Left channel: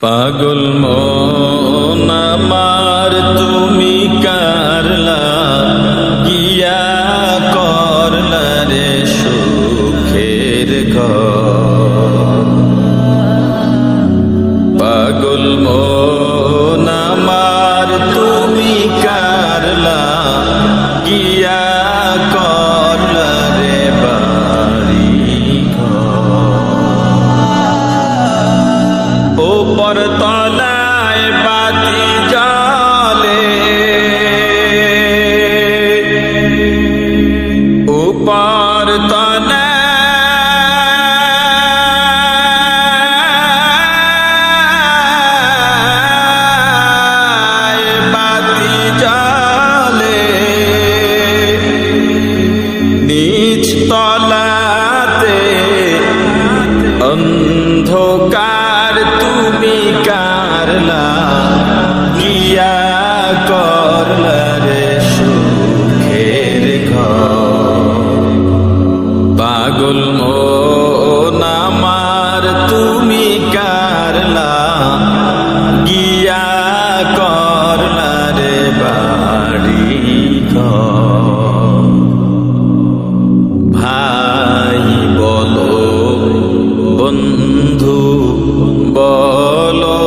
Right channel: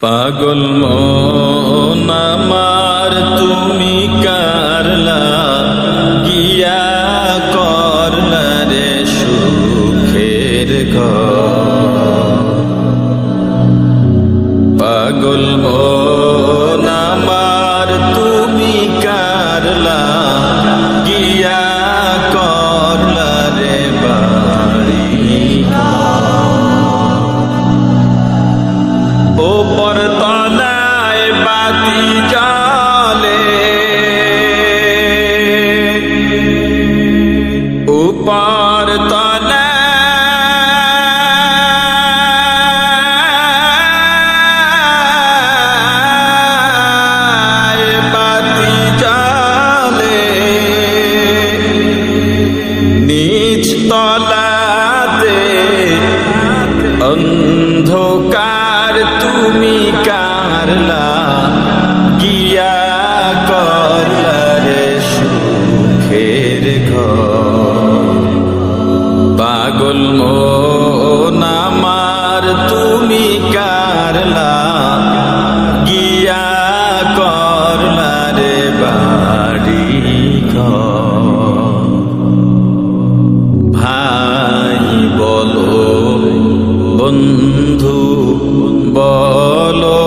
পাগল মন আমার তুমি কারলা গিয়া করলা রে সুখের ঘর। পাগল মন আমার তুমি কারলা গিয়া করলা রে বাড়ি ওপর তলায় বাতি জালে উপর তলায় বাতি জালে নিচ তলাতে অন্ধকার তুমি কারলা গিয়া করলা রে সুখের ঘর। পাগল মন আমার তুমি কারলা গিয়া করলা রে বাড়ি ঘর। ভাই বলো বন্ধু বলো